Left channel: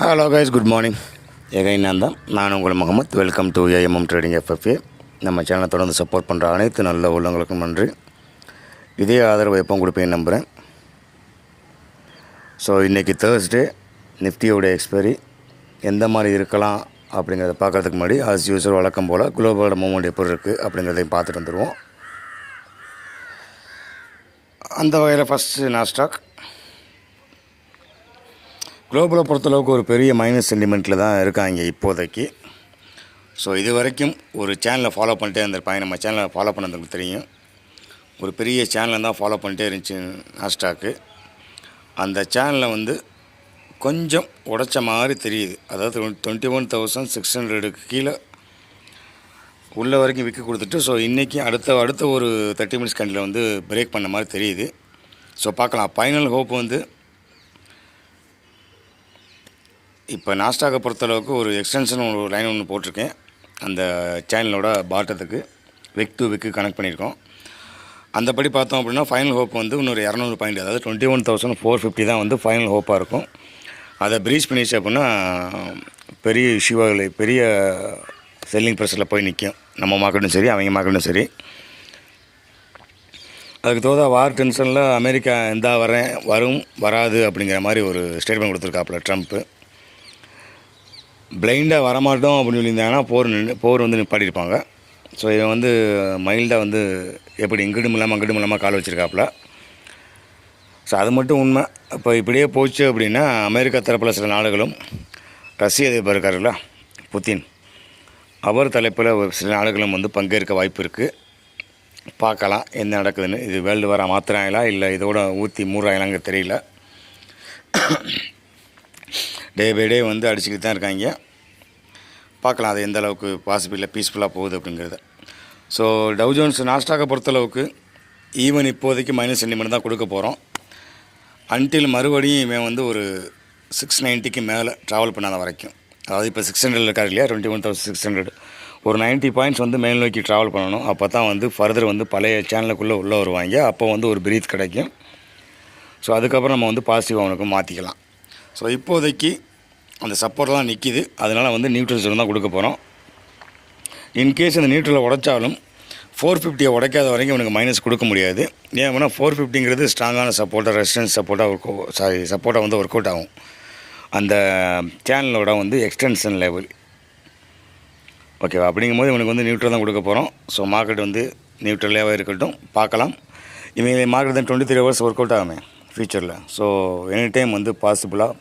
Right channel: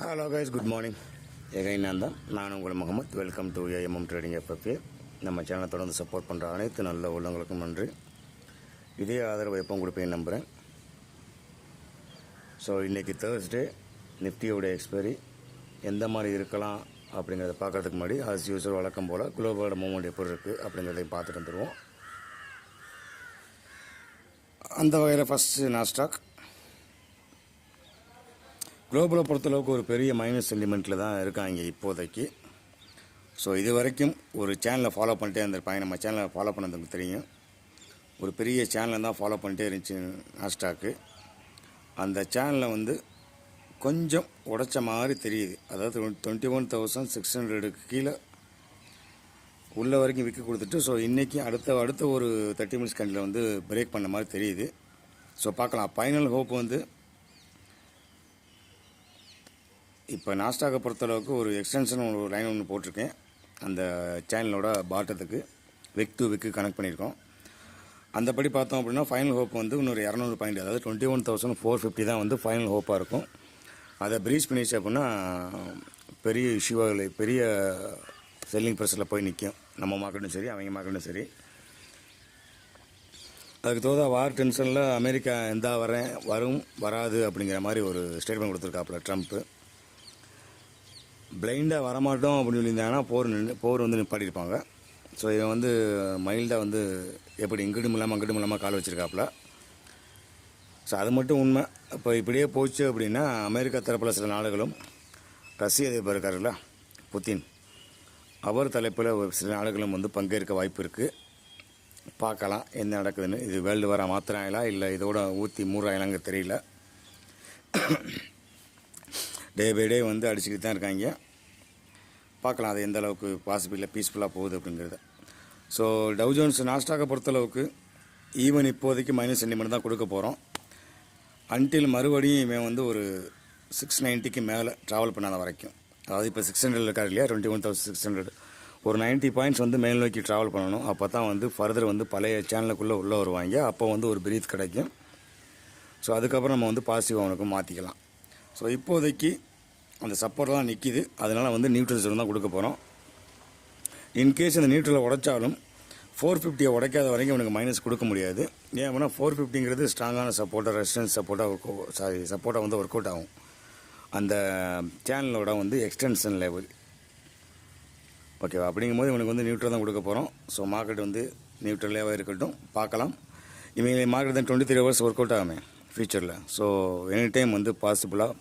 Hello guys good morning எகை நான் தான். நான் உங்கள் Mohammed. Welcome to AMM trading FFA நம்ம சேனலை தொடர்ந்து சப்போர்ட் பண்ணுற அனைத்து நல்ல உள்ளவங்களுக்கும் நன்றி. இதே ஆதரவு எப்போ கொடுப்பேன்னு நம்புகிறேன் ஸோ இன்றைக்கி தேர்ஸ்டே நிஃப்டியோடைய எக்ஸ்பைரி எந்த மாதிரி இருக்கலாம் அப்படிங்கிறத பார்க்குறதுக்கு முன்னாடி ஆஸ் யூஸ்வல் வழக்கம் போல் குளோபலோட மூவ்மெண்ட் எப்படி இருக்குது அப்படிங்கிறதையும் பார்த்துட்டு வந்துடுவோம் அந்த வகையில் ஃபஸ்ட்டு நாஸ்டாக் குளோபலை பொறுத்தளவுக்கு ஒரு பெரிய மைனஸ் சென்டிமெண்ட்டில் தான் இருக்காங்க இப்போதைக்கு. ஸோ இது வரைக்கும் ஒரு சேனலை ஃபாலோ பண்ணிட்டே இருந்திருப்பாங்க நம்ம சேனலை ஃபாலோ பண்ணதுக்கு தெரியும். ஒரு பெரிய சேனலை தான் ஃபாலோ பண்ணிட்டே இருந்துச்சு நாஸ்டாக்கு அந்த சேனலை வந்து கொஞ்சம் உடைச்ச மாதிரி தெரியுது. அதாவது டுவெண்ட்டி ஒன் தௌசண்ட் சிக்ஸ் ஹண்ட்ரடுக்கு கீழே உள்ள வரைக்கும் விற்க கொடுத்துட்டு ஸோ இன்றைக்கி அடுத்த அடுத்த ஒரு தேர்ட்டி மினிட்ஸ் கண்டில் வந்து பிரேக் பண்ண மாதிரி தெரியுது. ஸோ பார்க்கலாம். ஃபைனல் ஹோப் வந்து இப்போ நாஸ்டாக்கை பொறுத்தளவுக்கு ஒரு எக்ஸ்டென்ஷன் ஒரு லைன் ஒன்று போட்டிருக்கேன். அந்த சேனலோட பாட்டத்துக்கு விக் டு விக்கு கனெக்ட் பண்ணியிருக்கோம். அந்தபடி பார்த்தோம் அப்படின்னா ஃபைனல் ஹோப் வந்து இன்னொரு இரநூறு பாயிண்ட் அதாவது twenty one thousand four fifty தான் வந்து ஃபைனல் ஹோப்பாக இருக்கும். அதை ப்ரீச் பண்ணிச்சு அப்படின்னா பெரிய இஷ்யூவாக பெரிய செல்லிங் ப்ரெஷரில் போய் நிற்கும் நம்ம மார்க்கெட்டும் சரி அவங்க மார்க்கெட்டும் சரி. அதுக்கு தோதா வார் டென்ஷனில் அமெரிக்கா எந்தா வரேன் வரும் வராது அப்படிங்கிற மாதிரி ஒரு ஸ்டேட்மெண்ட் கொடுத்துருக்காப்புல ட்ரம்ப்பு பிளைண்டாக வரமாட்டோம் அப்படின்னு சொல்லியிருந்தாங்கன்னா போர் நின்று போர் வந்து நிப்பாட்டியிருப்பாங்க. ஸோ இவன் வந்து மைல்டாக வந்து எப்படி இங்கிடும் இல்லாமல் அங்கிடும் இல்லாமல் கால் வச்சுருக்காப்புல. ஸோ அது மட்டும் உண்மை. இப்போ இப்படியே போச்சு அப்படின்னா அமெரிக்கா தரப்பில் சில நாடுகளும் ரஷ்ய அதிபர் இருக்காருல்ல புத்தின். அவர் தலைப்பில் ஒரு சில நாடுகளும் வந்து பங்கேற்க வாய்ப்பு இருக்குது பார்க்கலாம் என்ன நடக்குதுன்னு. இது வேர்ல்டு வாரம் மாற்றுறாங்களா இல்லை இதோட ஊற்றி மூடுறாங்களாங்க தெரியல. டே பை டே வந்து அடிச்சுக்கிட்டு தான் இருக்காங்க. பார்க்கலாம் அது எந்த அளவுக்கு பாசிபிளாக பீஸ்ஃபுல்லாக போகுது அப்படிங்கிறத. ஸோ டவு ஜோன்ஸ் நாஸ்டாக்கை பொறுத்தளவுக்கு ஈவன் இப்போதைக்கு மைனஸ் சென்டிமெண்ட் தான் கொடுக்க போகிறோம் அன்டில் மறுபடியும் இவன் வந்து ஒரு சிக்ஸ் நைன்ட்டிக்கு மேலே ட்ராவல் பண்ணாத வரைக்கும். அதாவது இப்போ சிக்ஸ் ஹண்ட்ரட் இருக்கார் இல்லையா? Twenty one thousand six hundred ஒரு நைன்ட்டி பாயிண்ட்ஸ் வந்து மேல் நோக்கி ட்ராவல் பண்ணணும். அப்போ தான் வந்து ஃபர்தர் வந்து பழைய சேனலுக்குள்ளே உள்ளே வருவாங்க. அப்போ வந்து ஒரு பிரீத் கிடைக்கும். ஸோ அதுக்கப்புறம் நம்ம வந்து பாசிட்டிவ் அவனுக்கு மாற்றிக்கலாம் ஸோ இப்போதைக்கு அந்த சப்போர்ட்லாம் நிற்கிது அதனால் வந்து நியூட்ரல் ஜோன் தான் கொடுக்க போகிறோம் இன்கேஸ் அந்த நியூட்ரலை உடைச்சாலும் ஃபோர் ஃபிஃப்டியை உடைக்காத வரைக்கும் இவனுக்கு மைனஸ் கொடுக்க முடியாது. ஏன் அப்படின்னா ஃபோர் ஃபிஃப்டிங்கிறது ஸ்ட்ராங்கான சப்போர்ட்டாக ரெசிஸ்டன்ஸ் சப்போர்ட்டாக ஒர்க் சாரி சப்போர்ட்டாக வந்து ஒர்க் அவுட் ஆகும். அந்த சேனலோட வந்து எக்ஸ்டென்ஷன் லெவல் ஓகேவா அப்படிங்கும்போது இவனுக்கு வந்து நியூட்ரல் தான் கொடுக்க போகிறோம் ஸோ மார்க்கெட் வந்து நியூட்ரலாகவே இருக்கட்டும். பார்க்கலாம். இவங்க மார்க்கெட் தான் twenty three hours work out ஆகுமே ஃப்யூச்சரில் ஸோ எனி டைம் வந்து பாசிபிளாக